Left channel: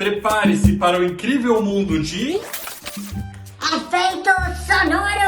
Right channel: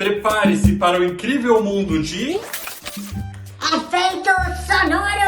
Prepare-se para o incrível mundo de... Efeitos sonoros!